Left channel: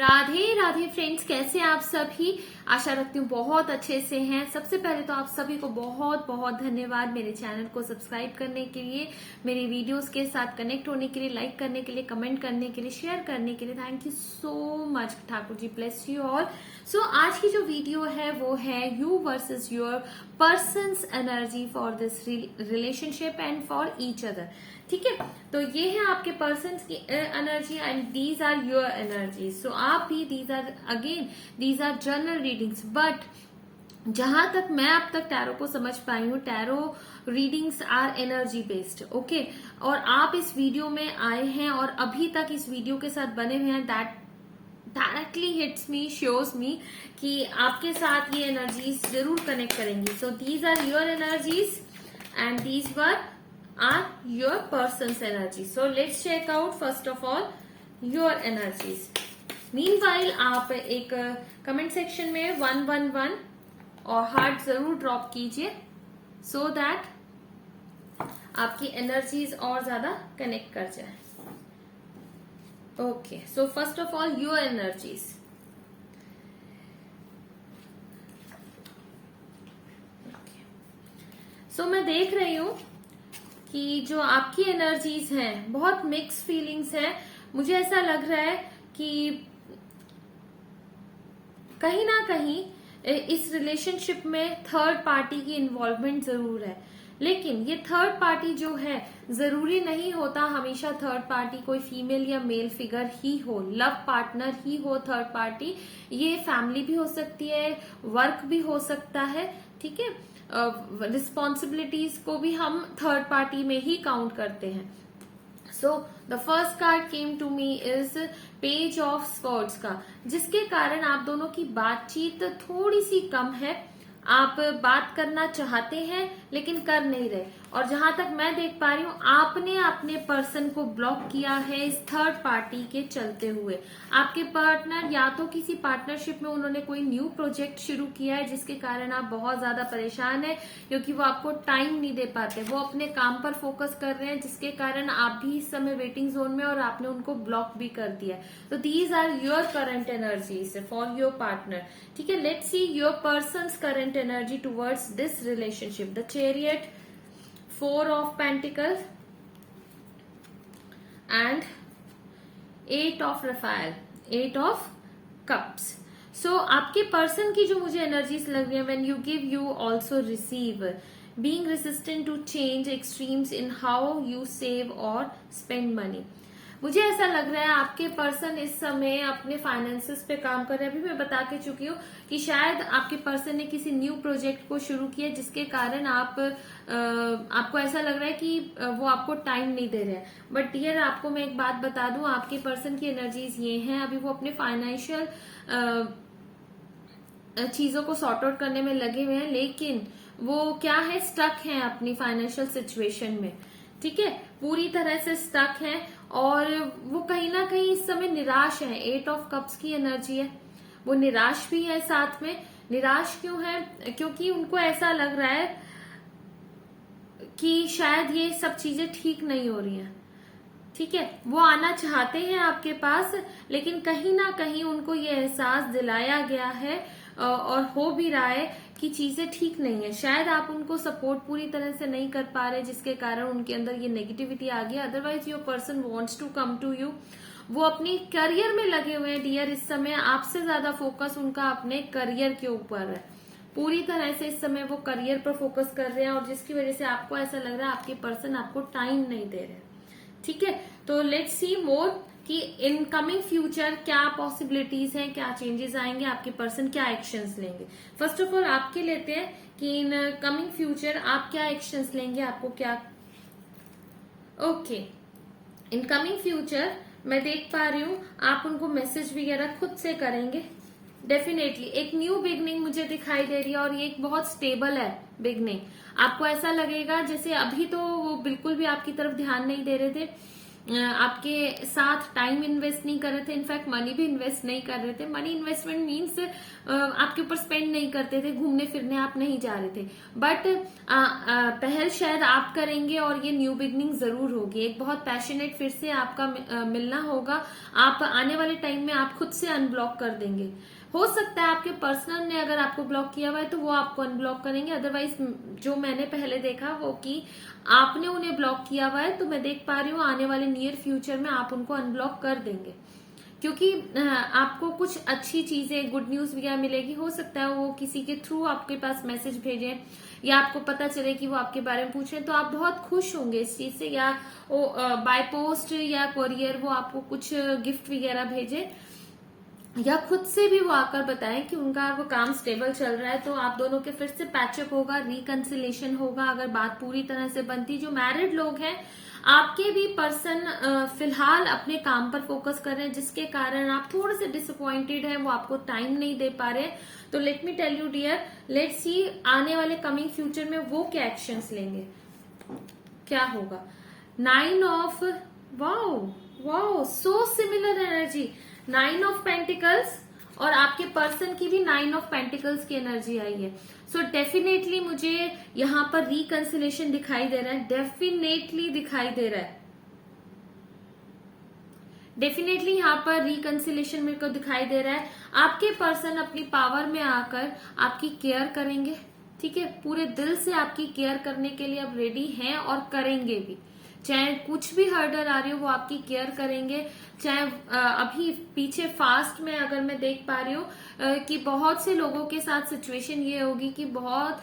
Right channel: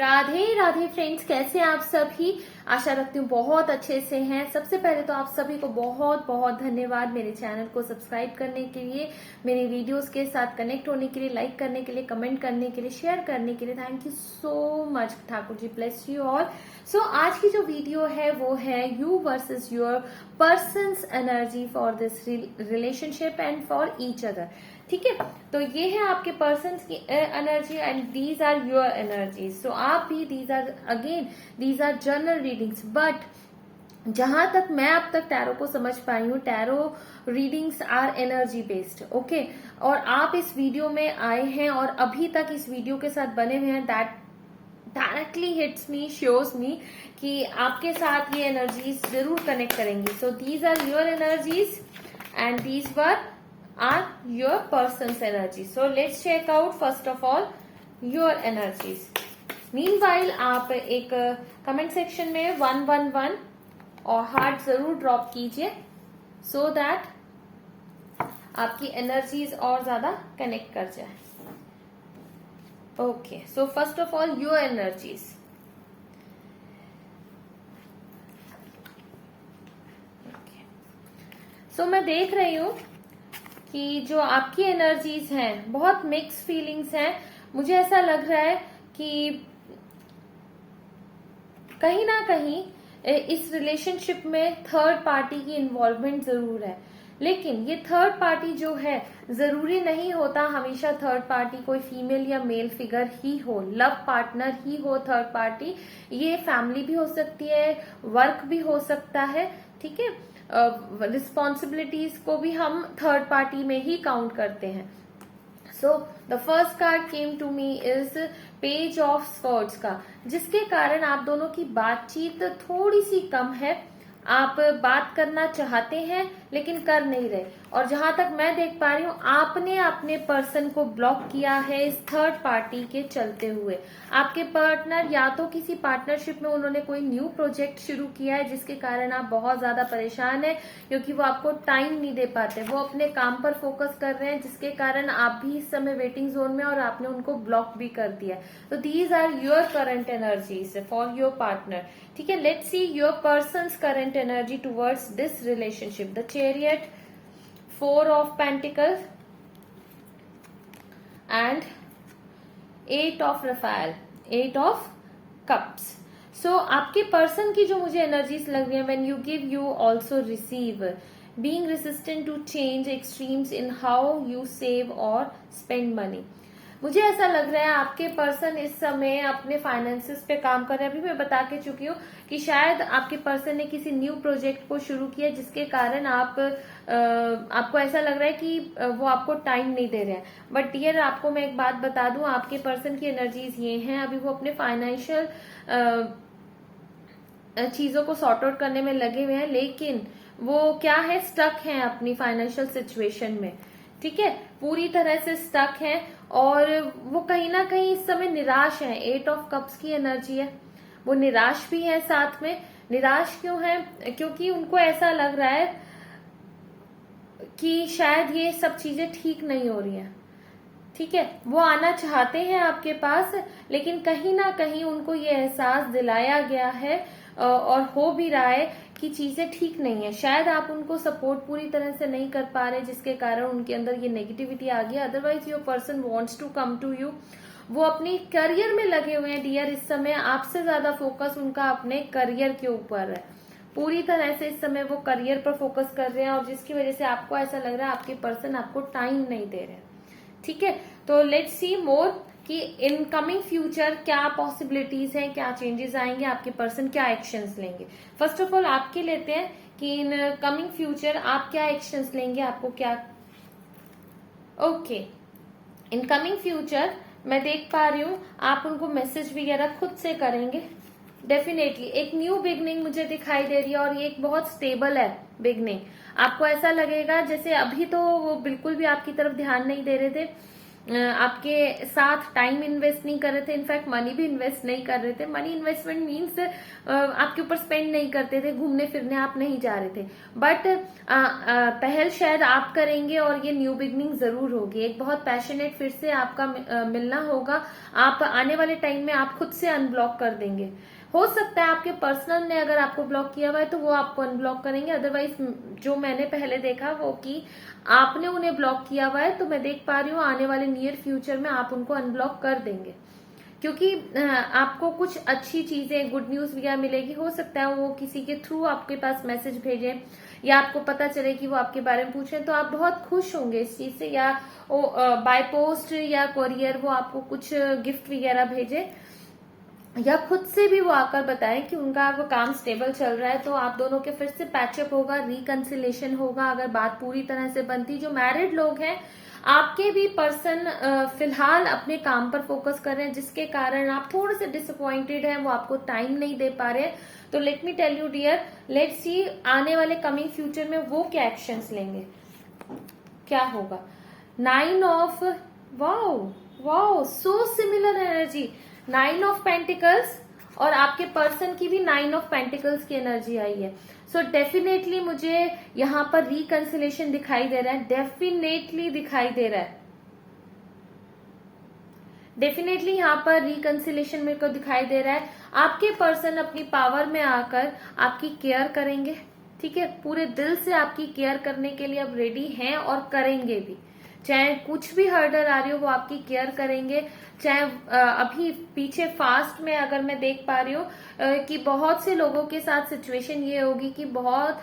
Radhe Radhe friends, कैसे आप सभी। आशा रखती हूँ बहुत अच्छे से हैं। सबसे पहले तो आप सभी को बहुत बहुत धन्यवाद मेरे चैनल को सब्सक्राइब करने के लिए, मेरी वीडियोस के साथ कनेक्ट होने के लिए, लाइक करने के लिए, कमेंट करने के लिए, शेयर करने के लिए। Thank you so much. Thakur ji bless you all. So आज की जो वीडियो है वो है you versus your person's energy for this relationship and for each other. ठीक है, तो ये है आपके पर्सन्स की energy and these are your energy. So आप भी these are general readings, but जहां तक मैं अब तक टैरो को समझ पाई हूँ, tarot readings are energy based. Okay, और आप इस वीडियो में आए हैं और अभी तक इस वीडियो के साथ बने हुए हैं, that directly hits me, shows me कि आपके साथ ये एनर्जीज जरूर कनेक्ट करेंगी। So these are your energies and these were are your person's energy. So let's check out first of all your energies. Meanwhile आप एक कमेंट सेक्शन में 111 और हार्ट जरूर ड्रॉप कीजिए so that आपकी एनर्जीज और ज्यादा कनेक्ट कर जाए। Okay, so first of all your energies. सो मैं देख रही हूं कि जो आपकी एनर्जीज हैं बहुत मिक्स फीलिंग्स हैं। मुझे ऐसा लग रहा है कि कहीं ना कहीं इस रिलेशनशिप में थर्ड पार्टी की इन्वॉल्वमेंट जरूर है, लेकिन ये थर्ड पार्टी जो है जरूरी नहीं होता हमेशा थर्ड पार्टी कोई फीमेल या मेल फिगर ही हो, लव पार्टनर ही हो थर्ड पार्टी। ये फैमिली भी हो सकती है, वर्क भी हो सकता है। ठीक है, रिस्पॉन्सिबिलिटीज को भी हम थर्ड पार्टी में ही काउंट करते हैं। So the first card came to me is page of swords का, जिसके कारण आप दोनों की बातचीत थोड़ी सी कम है। आप बात करना चाहते हैं लेकिन कर नहीं रहे, और जहां तक मैं देख पा रही हूँ आपने अपने पर्सन को ब्लॉक किया है इस थर्ड पार्टी के चलते हुए। आपके पार्टनर या तो किसी पार्टनरशिप में उन्होंने कोई न्यू प्रोजेक्ट शुरू किया है जिसके कारण आप बहुत ज्यादा परेशान है, क्योंकि वो आपको टाइम नहीं दे पाते, वो अपने काम पर फोकस कर रहे हैं, जिसके कारण आप भी इस समय वेटिंग जोन में और आपने उनको ब्लॉक भी कर दिया। तो these are your current energies for your partner. ठीक है, let's see your person's current energy towards this relationship. The Chariot, Four of Pentacles and Eight of Raphael, Eight of Cups. So आपके person की जो मुझे energies लग रही है, when you give you also receive, being resistant to change, extremes in how you save or spend money. मुझे ऐसा लग रहा है आपके पर्सन इस समय अपने फाइनेंसेस पे काम कर रहे हैं। अभी मैं बता के चुकी हूँ कि शायद आपके पर्सन ने किसी न्यू प्रोजेक्ट को शुरू किया जिसके कारण आपको ऐसा लग रहा है कि वो आपको टाइम नहीं दे रहे हैं। बट डियर, आपको मैं एक बात बता दूं, आपके पर्सन की एनर्जीज ये हैं, अभी वो अपने फाइनेंशियल चीजों को सॉर्ट आउट करने में लगे हुए हैं, लेकिन वो क्या है, स्टक हैं अपनी फाइनेंशियल सिचुएशन में। ठीक है, पूरी तरह से स्टक है और वो कहीं ना कहीं इस समय निराश है। एट ऑफ कप्स की एनर्जी है, वो निराश भी है साथ में। निराश क्यों है? क्योंकि उनको ऐसा लग रहा है कि शायद ये सब चीजें ठीक नहीं हो रही हैं। ठीक है, वो आना चाहते हैं आपके पास, लेकिन कहीं ना कहीं उनको ये एहसास दिलाया गया है और हो भी रहा है कि चीजें ठीक नहीं है। शायद आप उनको सपोर्ट पूरी तरह से नहीं कर पा रहे, जिसके कारण उनके अंदर ये नेगेटिविटी आ गई। Otherwise your person wants to come to you. वो अपनी करियर में लगे हुए हैं डियर। इस समय आपसे ज्यादा फोकस उनका अपने करियर के ऊपर है। पूरी तरह से इस समय वो करियर पर फोकस कर रहे हैं, और जिसकी वजह से आपको ऐसा लग रहा है आपके पर्सन आपको टाइम नहीं दे रहे। ठीक है, तो लेट्स सी मोर कि इन कमिंग फ्यूचर क्या पॉसिबिलिटीज हैं, क्या चेंजेस आएंगे, आपके पर्सन क्या एक्शंस लेंगे। फर्स्ट ऑफ ऑल आपके लेते हैं कि इन कमिंग फ्यूचर आप क्या एक्शंस लेंगे, आपको क्या। ओके, इन कमिंग फ्यूचर मैं देख पा रही हूँ आप उनको मैसेज वगैरह खुद से करेंगे। डेफिनेटली एक न्यू बिगनिंग मुझे दिखाई दे रही है, और ये एक बहुत स्टेबल है बिगनिंग। आपको ऐसा लगेगा जैसे अभी तो वो बिल्कुल भी आपकी तरफ ध्यान नहीं दे रहे थे, आपके साथ टाइम इन्वेस्ट नहीं कर रहे थे, इनफैक्ट मनी भी इन्वेस्ट नहीं कर रहे थे। मनी इन्वेस्टमेंट मीन्स आपके ऊपर स्पेंड नहीं करते थे, घूमने फिरने आप नहीं जा रहे थे, बट पहल शायद आप करेंगे और ये न्यू बिगनिंग जरूर होगी। एक बहुत पैशनेट फिर से आपका मिलना होगा। आप आने वाले टाइम में आप खुद से अनब्लॉक कर देंगे। हो सकता है आपके पर्सनल ने अगर आपको ब्लॉक किया हुआ है तो वो आपको अनब्लॉक करेंगे, अदरवाइज जो मैंने पहले देखा वो कि आपने उन्हें ब्लॉक किया हुआ है, तो मैं देख पा रही हूँ आने वाले नियर फ्यूचर में आप उनको अनब्लॉक कर देंगे, क्योंकि आपको कुछ अच्छी चीजें, गुड न्यूज वगैरह मिलेगी। हो सकता है वो किसी के थ्रू आपके पास मैसेज भेजे या आपको पता चले कि वो आपके बारे में पूछे, तो आप बहुत खुश होंगे इस चीज से, या वो बाय पोस्ट या कोरियर वो आपको कुछ गिफ्ट वगैरह भेजे, या खुद से भी वो आकर बताएं कि उनका वो काम स्टेबल चल रहा है, तो आप दोनों के फिर से पैचअप होगा, रिकंसिलेशन होगा अगर बात पूरी तरह से बनती। जो मैरिड लोग हैं, आपके भी पर्सन फिलहाल अपने काम पर फोकस कर रहे हैं, जिसके कारण आप थोड़े से डिसअपॉइंटेड हैं, वो आपको टाइम नहीं दे पा रहे हैं। तो let me tell you dear, let's see आने वाले कमिंग फ्यूचर में वो क्या एक्शंस लेंगे, क्या होगा। 9 of wow so similar energy, 9 of pentacles, और आपके पर्सन की भी 9 ऑफ पेंटिकल्स की एनर्जी आई है। सो डेफिनेटली मुझे यहां पर रिकंसिलेशन दिखाई दे रहा है, डेफिनेटली दिखाई दे रहा है, डेफिनेटली यहाँ पर रिकंसिलेशन मेरे को दिखाई दे रहा है। आपके पर्सन अपनी पावर में आकर आपकी केयर करेंगे, ठीक है, पूरे दिल से आपकी केयर करने के लिए अब रेडी हैं और करेंगे भी। चाहे कुछ भी हर्डल आ रही हो वो आपकी केयर करेंगे। चाहे अभी पीछे फास्ट में अगर मैं देख पा रही हूँ कि बहुत से लोगों के साथ सिचुएशन ये होगी कि बहुत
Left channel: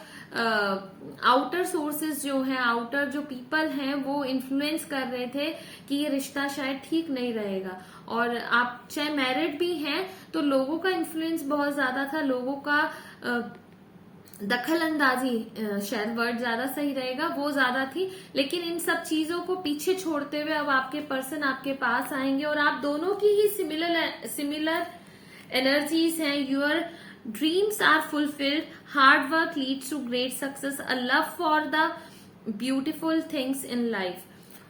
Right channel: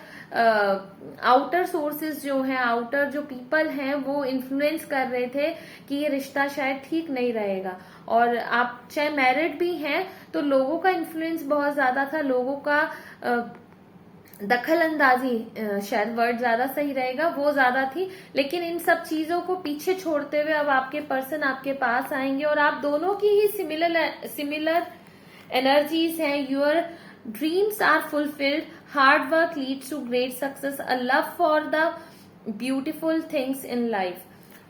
आउटर सोर्सेज जो हैं, आउटर जो पीपल हैं, वो इन्फ्लुएंस कर रहे थे कि ये रिश्ता शायद ठीक नहीं रहेगा। और आप चाहे मैरिड भी हैं तो लोगों का इन्फ्लुएंस बहुत ज्यादा था, लोगों का दखल अंदाजी, शायद वर्ड ज्यादा सही रहेगा, वो ज्यादा थी। लेकिन इन सब चीजों को पीछे छोड़ते हुए अब आपके पर्सन आपके पास आएंगे और आप दोनों की ही सिमिलर एनर्जीज हैं। Your dreams are fulfilled, hard work leads to great success, a love for the beautiful things in life.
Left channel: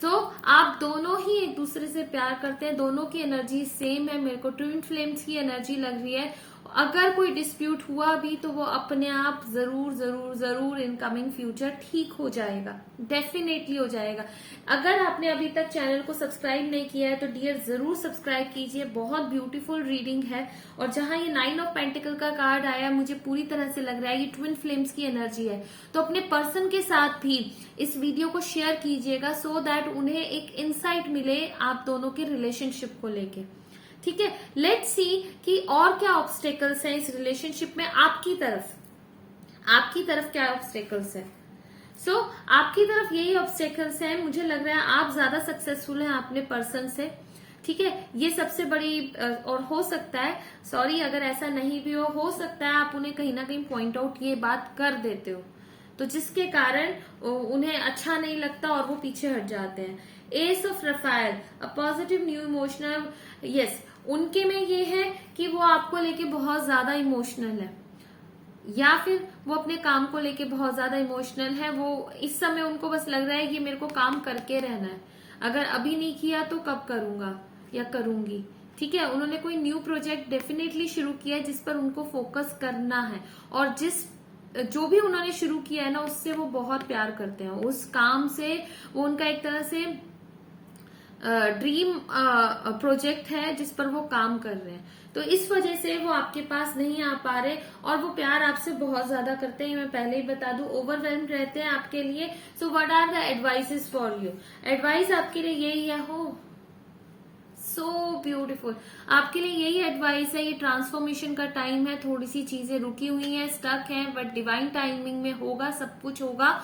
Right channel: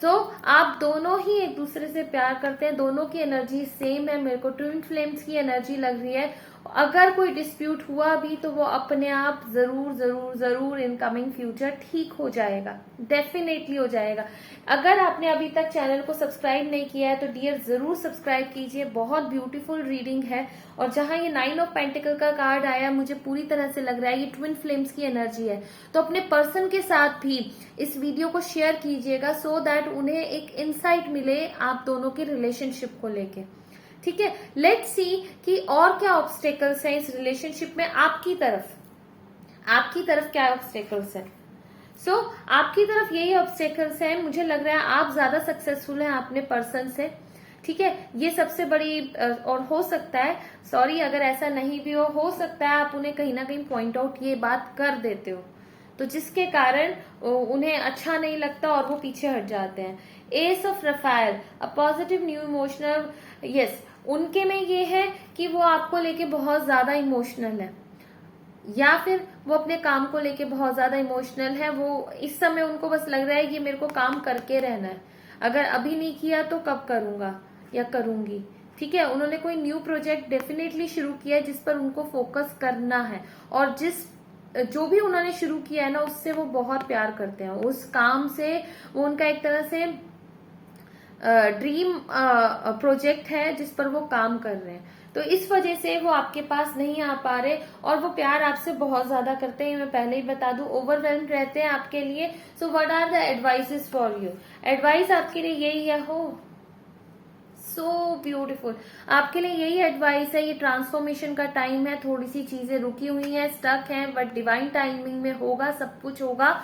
तो आप दोनों ही एक दूसरे से प्यार करते हैं, दोनों की एनर्जी सेम है, मेरे को ट्विन फ्लेम्स की एनर्जी लग रही है। अगर कोई डिस्प्यूट हुआ भी तो वो अपने आप जरूर जरूर जरूर इन कमिंग फ्यूचर ठीक हो जाएगा, डेफिनेटली हो जाएगा। अगर आपने अभी तक चैनल को सब्सक्राइब नहीं किया है तो डियर जरूर सब्सक्राइब कीजिए, बहुत ब्यूटीफुल रीडिंग है। और जहां ये 9 ऑफ पेंटिकल का कार्ड आया, मुझे पूरी तरह से लग रहा है ये ट्विन फ्लेम्स की एनर्जी है। तो अपने पर्सन के साथ भी इस वीडियो को शेयर कीजिएगा, सो दैट उन्हें एक इंसाइट मिले आप दोनों के रिलेशनशिप को लेके, ठीक है। लेट्स सी कि और क्या ऑब्स्टेकल्स हैं इस रिलेशनशिप में आपकी तरफ क्या ऑब्स्टेकल्स है। सो आपकी तरफ यही ऑब्स्टेकल्स हैं। मुझे लग रहा है आप ज्यादा सक्सेसफुल हैं अपने पर्सन से, ठीक है, ये सबसे बड़ी। और हो सकता है, सॉरी अगर ऐसा नहीं भी हो सकता है आप उन्हें कहीं ना कहीं पॉइंट आउट ये बात कर देते हो, तो जिसके कारण उन्हें अच्छा नहीं लगता और वो पीछे हट जाते हैं। S of Raphael, a positive new emotional, yes, उनके में ये है कि वो आपको लेके बहुत ज्यादा इमोशनल है, या फिर वो अपने काम को लेके बहुत ज्यादा इमोशनल है। वो इस समय उनको बस लग रहा है कि मेरे को काम करके रहना है, अगर अभी नहीं किया तो कब करूंगा या करूंगी, ठीक है। उन्होंने कोई न्यू प्रोजेक्ट डेफिनेटली शुरू किया है जिस पर उनको फोकस करना है, और जो भी उन्होंने शुरू किया है ना उससे वो बहुत प्यार करते हैं, उस काम से वो उनका एक तरह से ड्रीम प्रोजेक्ट है जिस पर वो काम कर रहे हैं। तो इस वजह से वो आपके पास नहीं आ पा रहे, और वो प्यार आपसे बहुत ज्यादा करते हैं, मैं पहले ही बता दूं, ओवरवेल्म रहते हैं आपके लिए। So what are the advices for you, advice आपके लिए यही है, हो सो ब्यूटीफुल, आपके लिए यही एडवाइस है। ये ट्रांसफॉर्मेशन का टाइम है, थोड़ी सी चीजें रुकी हुई हैं, स्टक हैं, बट डिवाइन टाइमिंग में होगा, सब कुछ होगा,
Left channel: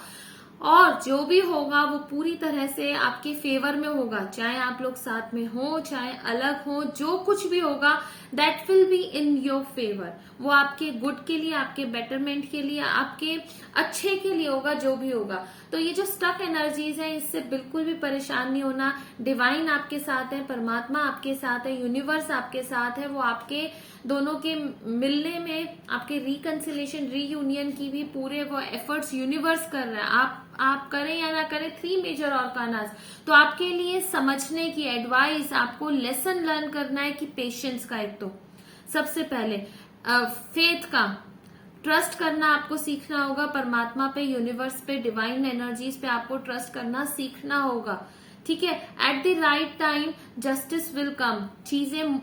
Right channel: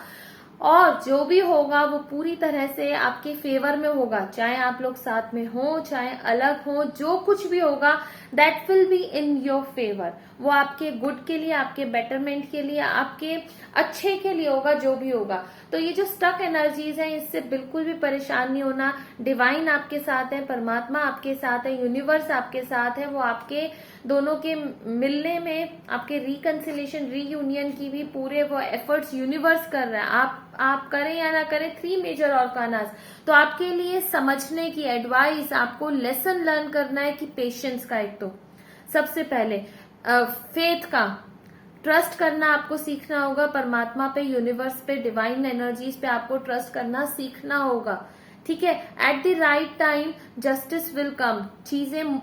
और जो भी होगा वो पूरी तरह से आपके फेवर में होगा। चाहे आप लोग साथ में हो, चाहे अलग हो, जो कुछ भी होगा that will be in your favour. वो आपके गुड के लिए, आपके बेटरमेंट के लिए, आपके अच्छे के लिए होगा, जो भी होगा। तो ये जो स्टक एनर्जीज हैं, इससे बिल्कुल भी परेशान नहीं होना। डिवाइन आपके साथ है, परमात्मा आपके साथ है, यूनिवर्स आपके साथ है। वो आपके दोनों के मिलने में, आपके रिकंसिलेशन, रीयूनियन की भी पूरे वो एफर्ट्स यूनिवर्स कर रहा है। आप करें या ना करें, 3 मेजर ऑर्गानास। तो आपके लिए समझने की एडवाइस, आपको लेसन लर्न करना है कि पेशेंस का, एक तो सबसे पहले फेथ का, ट्रस्ट करना आपको सीखना होगा। परमात्मा पे, यूनिवर्स पे, डिवाइन एनर्जीज पे आपको ट्रस्ट करना सीखना होगा। ठीक है, at the right time justice will come. चीजें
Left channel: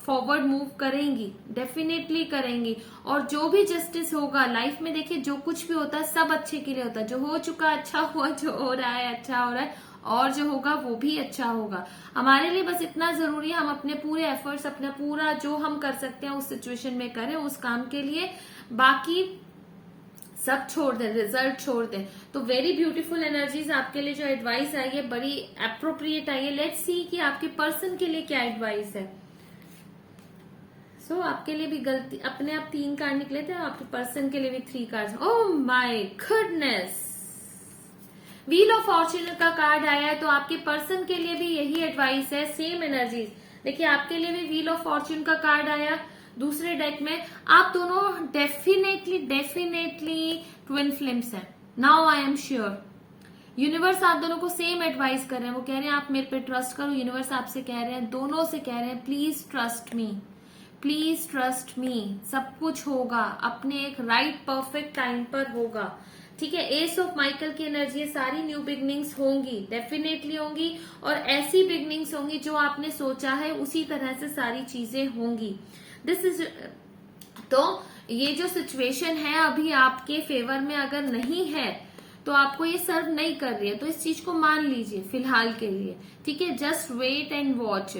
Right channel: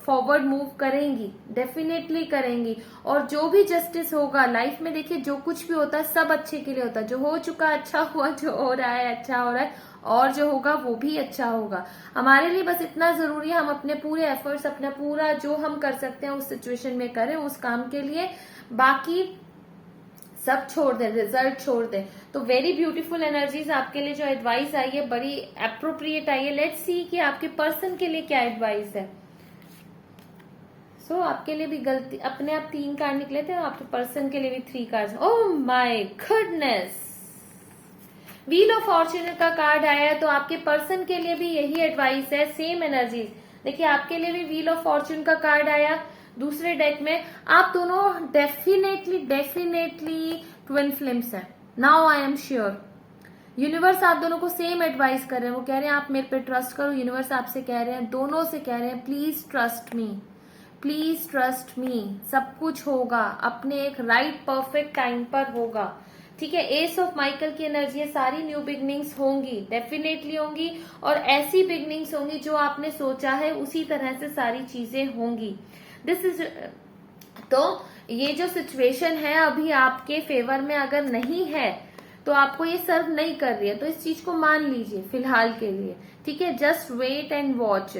फॉरवर्ड मूव करेंगी, डेफिनेटली करेंगी। और जो भी जस्टिस होगा लाइफ में, देखिए जो कुछ भी होता है सब अच्छे के लिए होता है। जो हो चुका अच्छा हुआ, जो हो रहा है अच्छा हो रहा है, और जो होगा वो भी अच्छा होगा। हमारे लिए बस इतना जरूरी है हम अपने पूरे एफर्ट्स, अपना पूरा जो हम कर सकते हैं उस सिचुएशन में करें, उस काम के लिए। बाकी सब छोड़ दें, रिजल्ट छोड़ दें। तो वेरी ब्यूटीफुल एनर्जीज आपके लिए जो एडवाइस आई है, बड़ी अप्रोप्रिएट आई है। लेट्स सी कि आपके पर्सन के लिए क्या एडवाइस है। सो आपके लिए भी गलती, अपने आप 3 कार्ड निकले थे, आपके पर्सन के लिए भी 3 card. Oh my goodness, wheel of Fortune का कार्ड आया है। तो आपके पर्सन के लिए भी यही एडवाइस है, सेम एनर्जी। देखिए आपके लिए भी व्हील ऑफ फॉर्च्यून का कार्ड आया दूसरे डेक में। आप दोनों डेफिनेटली ट्विन फ्लेम्स हैं। Now I am sure universe आप दोनों को सेम एडवाइस कर रहे हैं। वो कह रहे हैं आप मेरे पे ट्रस्ट करो। यूनिवर्स आपसे कह रहे हैं, दोनों से कह रहे हैं, please trust me, please trust me. सब कुछ होगा अपने एक राइट परफेक्ट टाइम पर होगा। ठीक है, एस ऑफ माइकल की एनर्जी है। सारी न्यू बिगनिंग्स होंगी, डेफिनेटली होंगी। और ऐसी बिगनिंग्स होंगी जो आपने सोचा है उसी तरह से सारी चीजें होंगी। दिस इज, तो ये जो सिचुएशन है अभी आपके फेवर में अगर नहीं है तो आपको ये सर्व नहीं कर रही है, तो इस चीज को मान लीजिए फिलहाल के लिए। ठीक है, just wait and watch.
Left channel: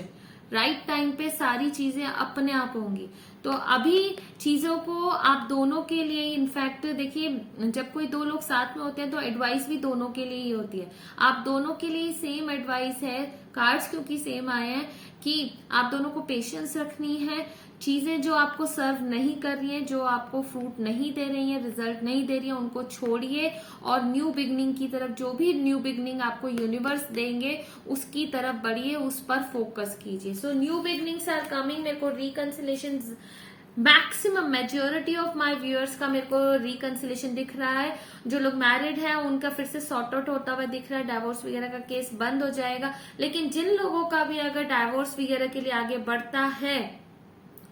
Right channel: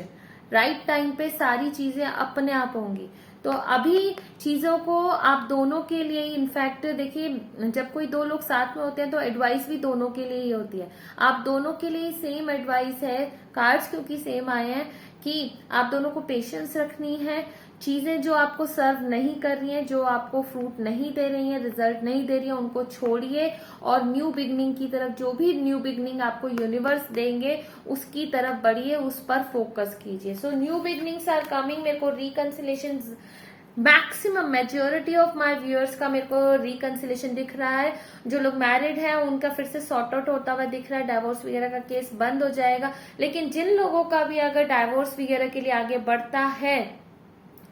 Right time पे सारी चीजें अपने आप होंगी। तो अभी चीजों को आप दोनों के लिए, इनफैक्ट देखिए जब कोई 2 लोग साथ में होते हैं तो एडवाइस भी दोनों के लिए ही होती है। आप दोनों के लिए सेम एडवाइस है। कार्ड्स क्योंकि सेम आए हैं कि आप दोनों को पेशेंस रखनी है। चीजें जो आपको सर्व नहीं कर रही हैं, जो आपको फ्रूट नहीं दे रही हैं, रिजल्ट नहीं दे रही है, उनको छोड़िए और न्यू बिगनिंग की तरफ, जो भी न्यू बिगनिंग आपको यूनिवर्स देंगे उसकी तरफ बढ़िए, उस पर फोकस कीजिए। So new beginnings are coming. मेरे को reconciliation, maximum majority of my viewers का मेरे को रिकंसिलेशन दिख रहा है। जो लोग मैरिड हैं उनका फिर से सॉर्ट आउट होता हुआ दिख रहा है, डाइवोर्स वगैरह का केस बंद हो जाएगा। लेकिन जिन लोगों का भी अगर डाइवोर्स वगैरह के लिए आगे बढ़ता है,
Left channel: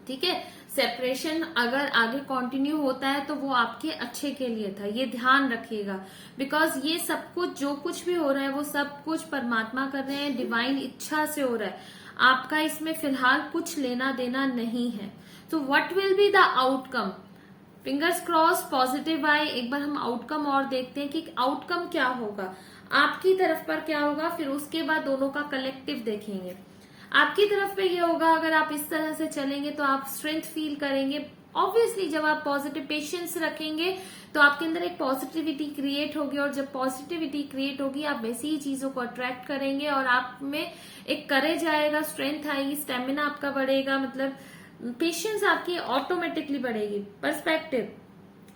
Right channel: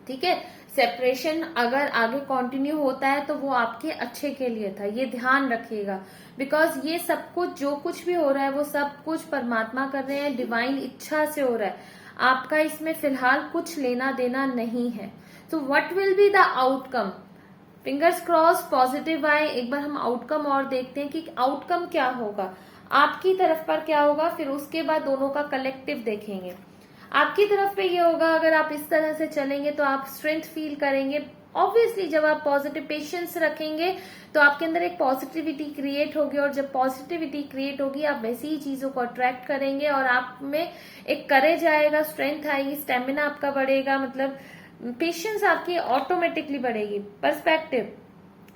ठीक है, सेपरेशन अगर आगे कंटिन्यू होता है तो वो आपके अच्छे के लिए था, ये ध्यान रखिएगा। बिकॉज ये सब कुछ, जो कुछ भी हो रहा है वो सब कुछ परमात्मा कर रहे हैं, डिवाइन इच्छा से हो रहा है। आपका इसमें फिलहाल कुछ लेना देना नहीं है। तो what will be the outcome, fingers cross, positive आए। एक बार हम आउटकम और देखते हैं कि आउटकम क्या होगा, आपकी तरफ पर क्या होगा, फिर उसके बाद दोनों का कलेक्टिव देखेंगे। आपकी तरफ पे ये होगा, अगर आप इस तरह से चलेंगे तो आप स्ट्रेंथ फील करेंगे। ऑब्वियसली जब आप पॉजिटिव पेशेंस रखेंगे तो आपके अंदर एक पॉजिटिविटी क्रिएट होगी, और जब पॉजिटिविटी क्रिएट होगी आप वैसी ही चीजों को अट्रैक्ट करेंगे, और आप में एक करेज आएगा, स्ट्रेंथ आएगी, स्टेमिना आपका बढ़ेगा, मतलब पेशेंस आपकी ऑटोमेटिकली बढ़ेगी। Perspective,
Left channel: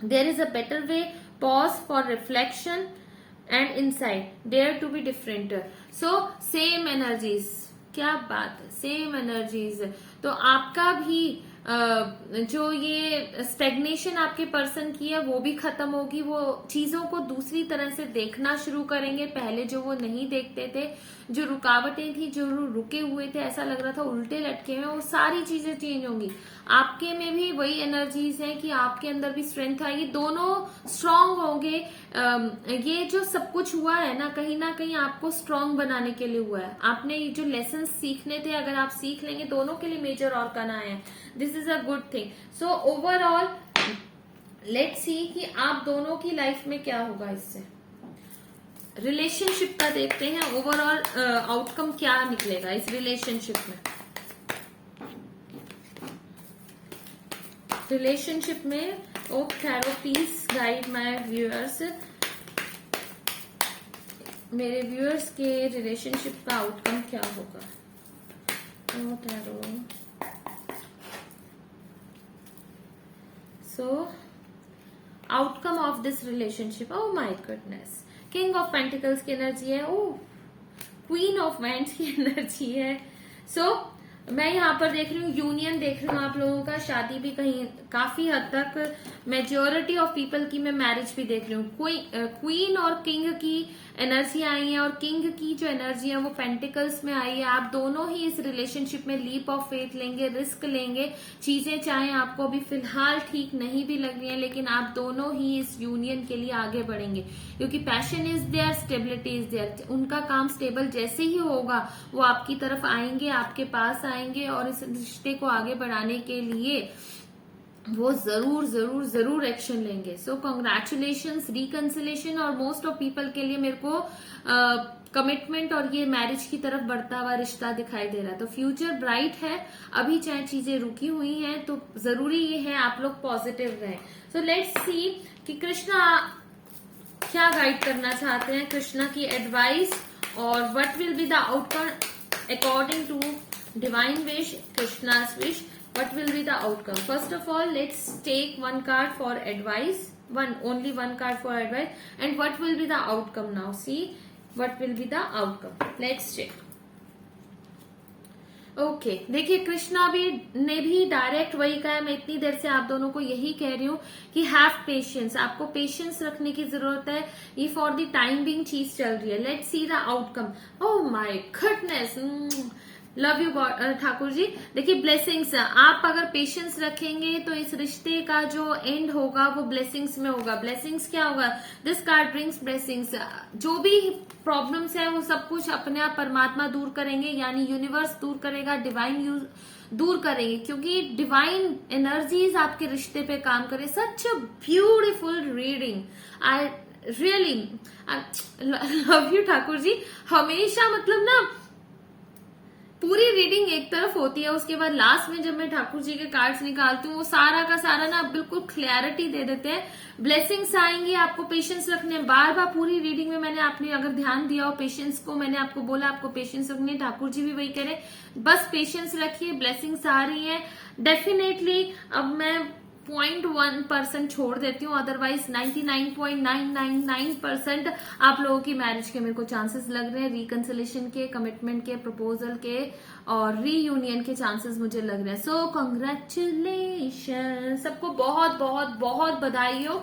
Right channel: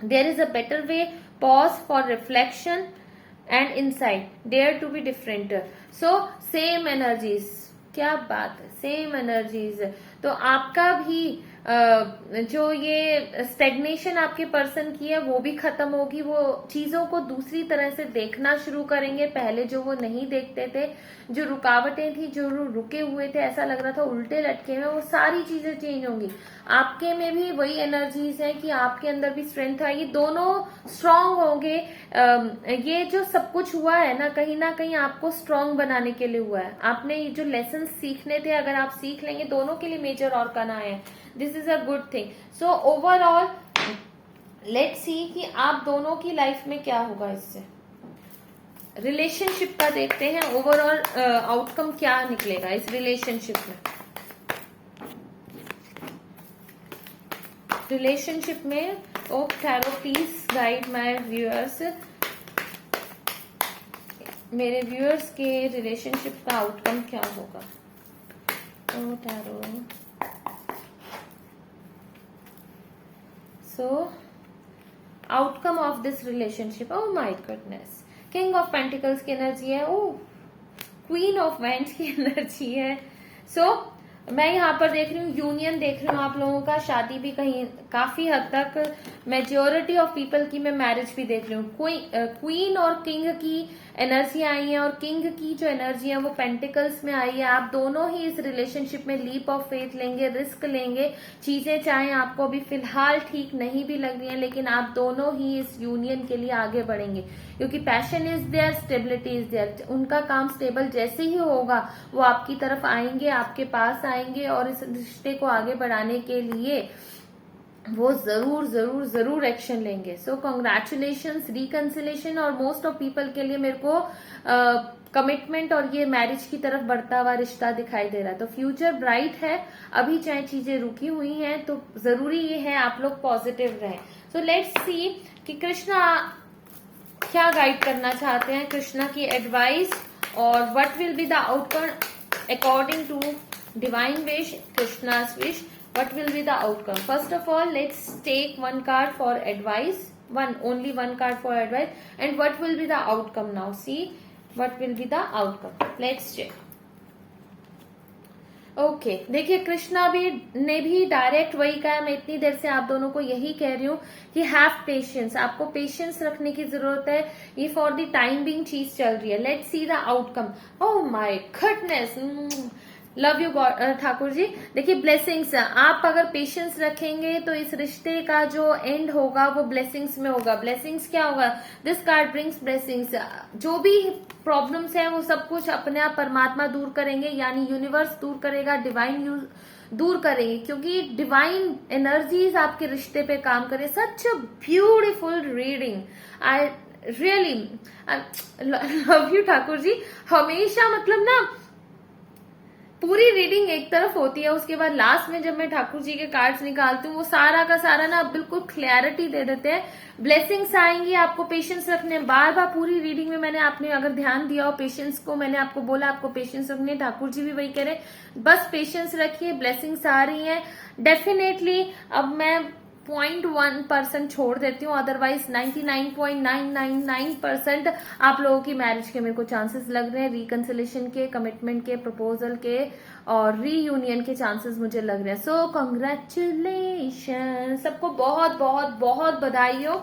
there is a better way, pause for reflection and insight, dare to be different. So same energies, क्या बात है, सेम एनर्जीज। तो आपका भी जो ये स्टेग्नेशन आपके पर्सन की है वो भी खत्म होगी। वो चीजों को दूसरी तरह से देखना शुरू करेंगे, पहले जो वो नहीं देखते थे, जो रुकावटें थी, जो रुके हुए थे, ऐसा लग रहा था उल्टे लटके हुए, वो सारी चीजें चेंज होंगी। आपके में भी वही एनर्जीज है कि आपके अंदर भी स्ट्रेंथ आएगी, दोनों स्ट्रांग होंगे। ये जो सब कुछ हुआ है ना कहीं आपको स्ट्रांग बनाने के लिए हुआ है। आपने ये जो लेसन सीखने थे, अगर आप सीख लेंगे, दोनों के लिए मेजर और करना है, this is a good thing. So overall let's see कि आप दोनों की लाइफ में क्या होगा। इससे रिलेशनशिप का देखते हैं, ओवरऑल आउटकम क्या निकलेगा इस रिलेशनशिप में। रिलेशनशिप में oh tarot please guide my viewers, मेरे व्यूअर्स के रिलेशनशिप का आउटकम क्या होगा। Oh tarot, so outcome of this relationship, oh my goodness, king of pentacles की एनर्जी है, ओ क्वीन ऑफ वैंड्स की एनर्जी है। सो मैं यहाँ पर देख रही हूँ यूनियन देख रही हूँ आप लोगों का, शादी भी कहीं काफी हद तक, मेजोरिटी ऑफ पीपल की मैं मैरिज भी देख रही हूँ। क्वीन और किंग की एनर्जी आई है, और किंग की जो एनर्जी है वो पेंटिकल्स में आई है। आप दोनों ही इस रिलेशनशिप में लीप ऑफ फेथ लेंगे, रिस्क लेंगे। चीजें चाहे आपको अभी फिलहाल ठीक नहीं भी लग रही है, लेकिन आप दोनों ही इस यूनियन के लिए आगे बढ़ेंगे, क्योंकि passion is there, stability is there. उनका काम स्टेबल जैसे ही होगा वो आपकी तरफ आएंगे, आपके पास आएंगे, और इस रिश्ते को आगे बढ़ाने के लिए वो जरूर जरूर जरूर एक्शन लेंगे। सो कॉन्ग्रेचुलेशंस, रिकंसिलेशन, और मोस्ट ऑफ पीपल के लिए मेरे को कमिटमेंट और ये मैरिज की तरफ बढ़ता हुआ रिश्ता दिखाई दे रहा है। तो फ्यूचर ब्राइट है, अभी चाहे चीजें रुकी हुई हैं तो जरूरी ये है आप लोग पॉजिटिव रहें। सो लेट्स सी कि कृष्णा क्या गाइड करना चाहते हैं, कृष्णा की एडवाइस, और what will be the outcome according to divine wish, Krishna's wish. What will be the outcome? First of all, let's take one card for advice. Only one card for advice. And what will be the outcome now? See, what will be the outcome? Let's check. Okay देखिए, कृष्णा ने भी direct वही कहा, मैं इतनी देर से आप दोनों को यही कह रही हूँ कि हैव पेशेंस, आपको पेशेंस रखने की जरूरत है। ये फॉर द टाइम बिंग चीज चल रही है। Let's see the outcome. Oh my goodness, love you Thakur ji. देखिए ब्लेसिंग्स, आप अगर पेशेंस रखेंगे तो इस रिश्ते का जो एंड होगा वो ब्लेसिंग्स में होगा। ब्लेसिंग्स क्या होगा? This card brings blessings. जो भी प्रॉब्लम्स है वो सब कुछ अपने आप परमात्मा दूर करेंगे, यानी यूनिवर्स दूर करेगा, डिवाइन दूर करेंगे, क्योंकि डिवाइन एनर्जीज आपके रिश्ते पे काम करे। Such a beautiful reading, I really love you Thakur ji. हमेशा मतलब ना पूरी रीडिंग एक तरफ होती है, उसके बाद लास्ट में जब मैं ठाकुर जी के कार्ड्स निकालती हूँ वो सारा का सारा ना बिल्कुल क्लैरिटी दे देते हैं। ब्लेसिंग्स आएंगी, आपको पेशेंस रखने। बार बार पूरी रीडिंग में मैंने आपने अगर ध्यान दिया हो पेशेंस को, मैंने आपको बोला आपको पेशेंस रखने, ठाकुर जी भी वही कह रहे हैं, बस पेशेंस रखिए, ब्लेसिंग्स आ रही है डेफिनेटली। अब मैं 0.1% छोड़ देती हूँ, अदरवाइज 99.999% आप लोगों की मैरिज के मेरे को चांसेस लग रहे हैं, रिकंसिलेशन के, कमिटमेंट के, प्रपोजल के और रीयूनियन के चांसेस मुझे लग रहे हैं। सो कॉन्ग्रेचुलेशन, सबको बहुत बहुत बहुत बधाई हो।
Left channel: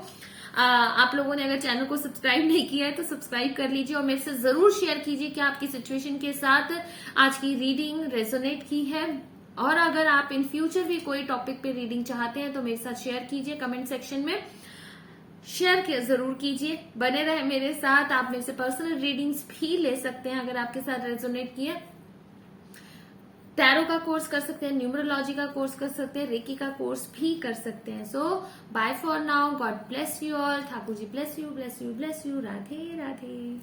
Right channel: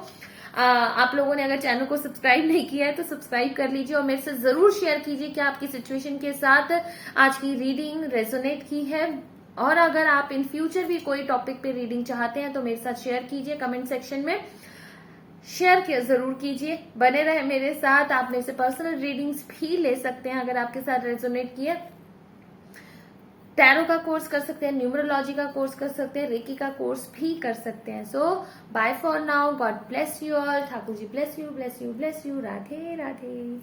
आप लोगों ने अगर चैनल को सब्सक्राइब नहीं किया है तो सब्सक्राइब कर लीजिए, और मेरे से जरूर शेयर कीजिए कि आपकी सिचुएशन के साथ आज की रीडिंग रेजोनेट की है। और अगर आप इन फ्यूचर भी कोई टॉपिक पे रीडिंग चाहते हैं तो मेरे साथ शेयर कीजिए, कमेंट सेक्शन में शेयर जरूर कीजिए, बने रहे मेरे साथ। आप मेरे से पर्सनल रीडिंग्स भी ले सकते हैं अगर आपके साथ रेजोनेट किया। टैरो का कोर्स कर सकते हैं, न्यूमरोलॉजी का कोर्स कर सकते हैं, रेकी का कोर्स भी कर सकते हैं। So bye for now, god bless you all, Thakur ji bless you, bless you, bless you, Radhe Radhe.